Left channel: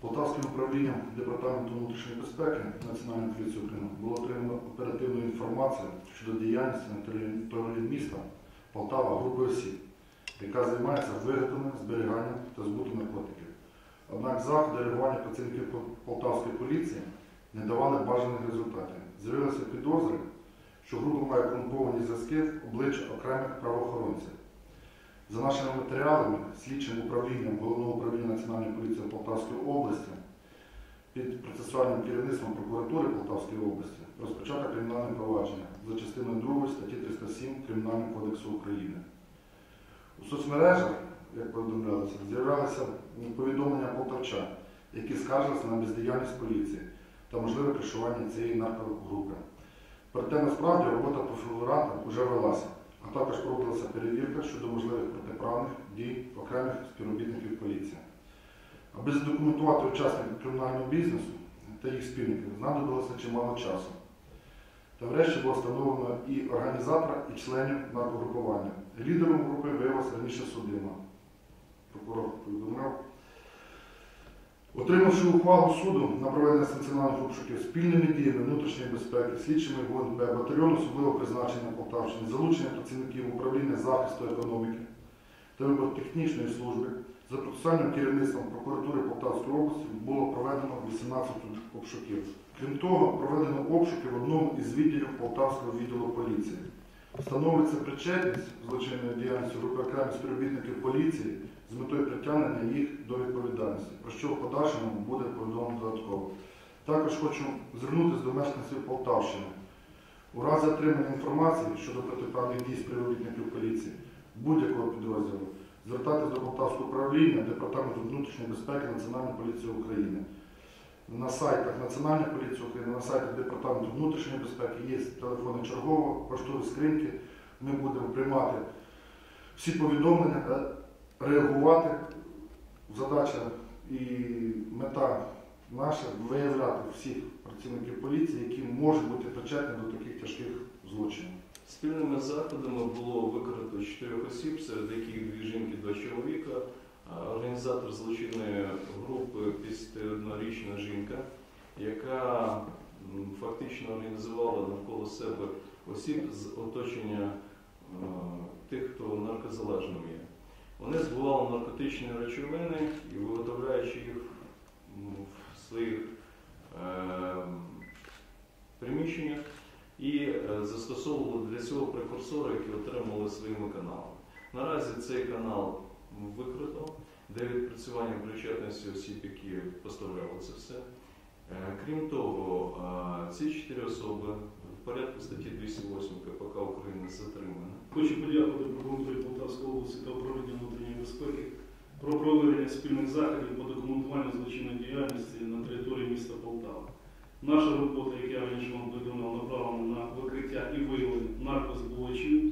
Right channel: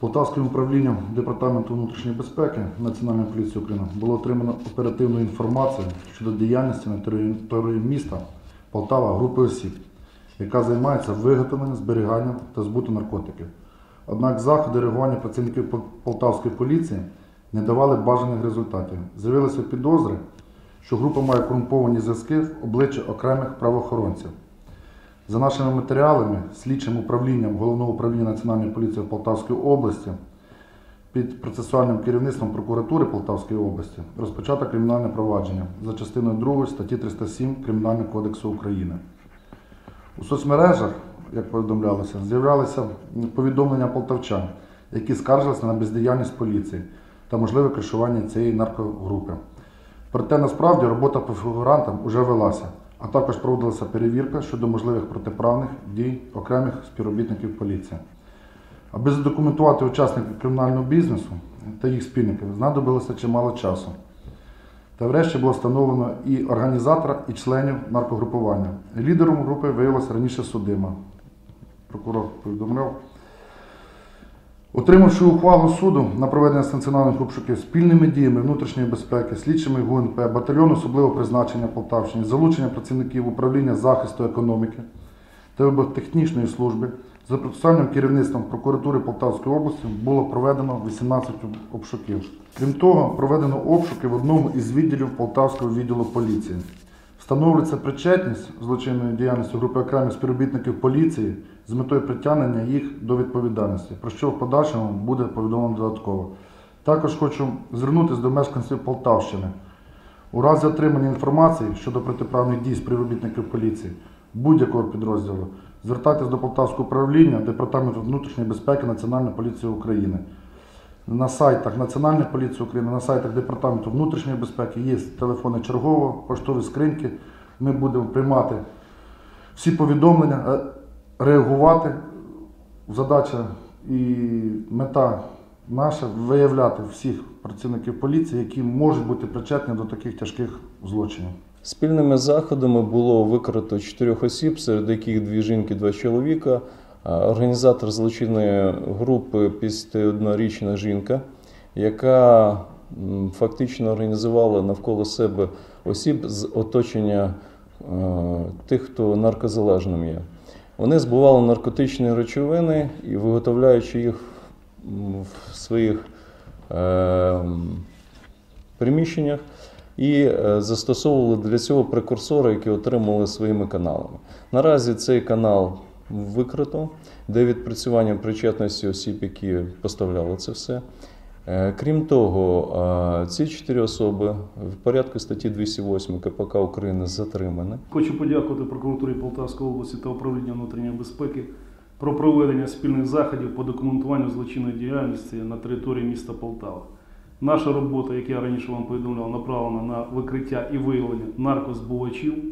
Полтавським управлінням Департаменту внутрішньої безпеки Національної поліції України було отримано оперативну інформацію щодо діяльності на території міста Полтава групи осіб, яка займається виготовленням, зберіганням та збуту наркотиків. Однак заходи реагування працівників Полтавської поліції не давали бажаних результатів. З'явилися підозри, що група має корумповані зв'язки в обличчя окремих правоохоронців. За нашими матеріалами, слідчим управлінням Головного управління Національної поліції Полтавської області під процесуальним керівництвом прокуратури Полтавської області розпочато кримінальне провадження за частиною 2 статті 307 Кримінального кодексу України. У соцмережах, як повідомлялося, з'являлися повідомлення полтавчан, які скаржилися на бездіяльність поліції та можливе кришування цієї наркогрупи. Проте насправді робота по фігурантам вже велася, а також проводилася перевірка щодо можливих протиправних дій окремих співробітників поліції. Аби задокументувати учасників кримінального бізнесу та їх спільників, знадобилося чимало часу. Та врешті було встановлено і організатора, і членів наркогрупування. Лідером групи виявилася раніше судима. Прокурор повідомляв. Отримавши ухвалу суду на проведення станціональних обшуків спільними діями внутрішньої безпеки, слідчими ГУНП, батальйону особливого призначення Полтавщини, залучення працівників управління захисту економіки та вибухтехнічної служби за процесуальним керівництвом прокуратури Полтавської області було проведено 18 обшуків. Крім того, проведено обшуки в одному із відділів Полтавського відділу поліції. Встановлюється причетність злочинної діяльності групи окремих співробітників поліції з метою притягнення їх до відповідальності, про що в подальшому буде повідомлено додатково. Також хочу звернутися до мешканців Полтавщини. У разі отримання інформації щодо протиправних дій співробітників поліції будь-якого підрозділу, звертайтесь до Полтавського управління Департаменту внутрішньої безпеки Національної поліції України. На сайтах Національної поліції України, на сайтах Департаменту внутрішньої безпеки є телефони чергового, поштові скриньки. Ми будемо приймати всі повідомлення, е, реагувати. Задача і мета наша виявляти всіх працівників поліції, які можуть бути причетні до таких тяжких злочинів. Спільними заходами було викрито чотирьох осіб, серед яких дві жінки, два чоловіка. Організатор злочинної групи 51-річна жінка, яка фактично організувала навколо себе осіб з оточення тих, хто наркозалежним є. Вони збували наркотичні речовини і виготовляючи їх в своїх е, приміщеннях, і е, застосовували для цього прекурсори, які отримали своїми каналами. Наразі цей канал викрито, де відпрацювання причетності осіб, які поставляли це все. Е, Крім того, е, ці чотири особи в порядку статті 208 КПК України затримані. Хочу подякувати прокуратурі Полтавської області та управління внутрішньої безпеки про проведення спільних заходів по документуванню злочинної діяльності на території міста Полтава. Наша робота, як я раніше вам повідомляв, направлена на викриття і виявлення наркозбувачів.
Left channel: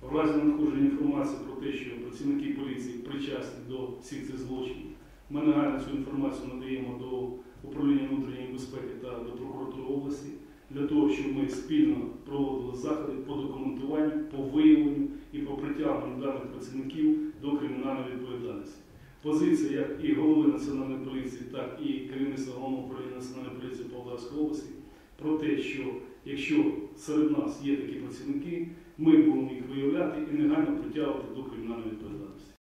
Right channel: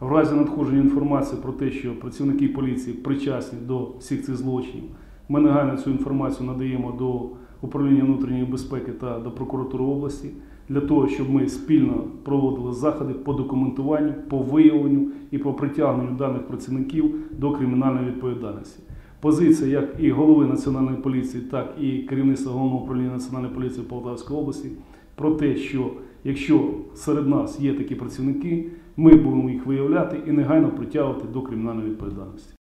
В разі надходження інформації про те, що працівники поліції причасні до всіх цих злочинів, ми негайно цю інформацію надаємо до управління внутрішньої безпеки та до прокуратури області для того, щоб ми спільно проводили заходи по документуванню, по виявленню і по притягненню даних працівників до кримінальної відповідальності. Позиція як і голови національної поліції, так і керівництва головного управління національної поліції Полтавської області про те, що якщо серед нас є такі працівники, ми будемо їх виявляти і негайно притягувати до кримінальної відповідальності.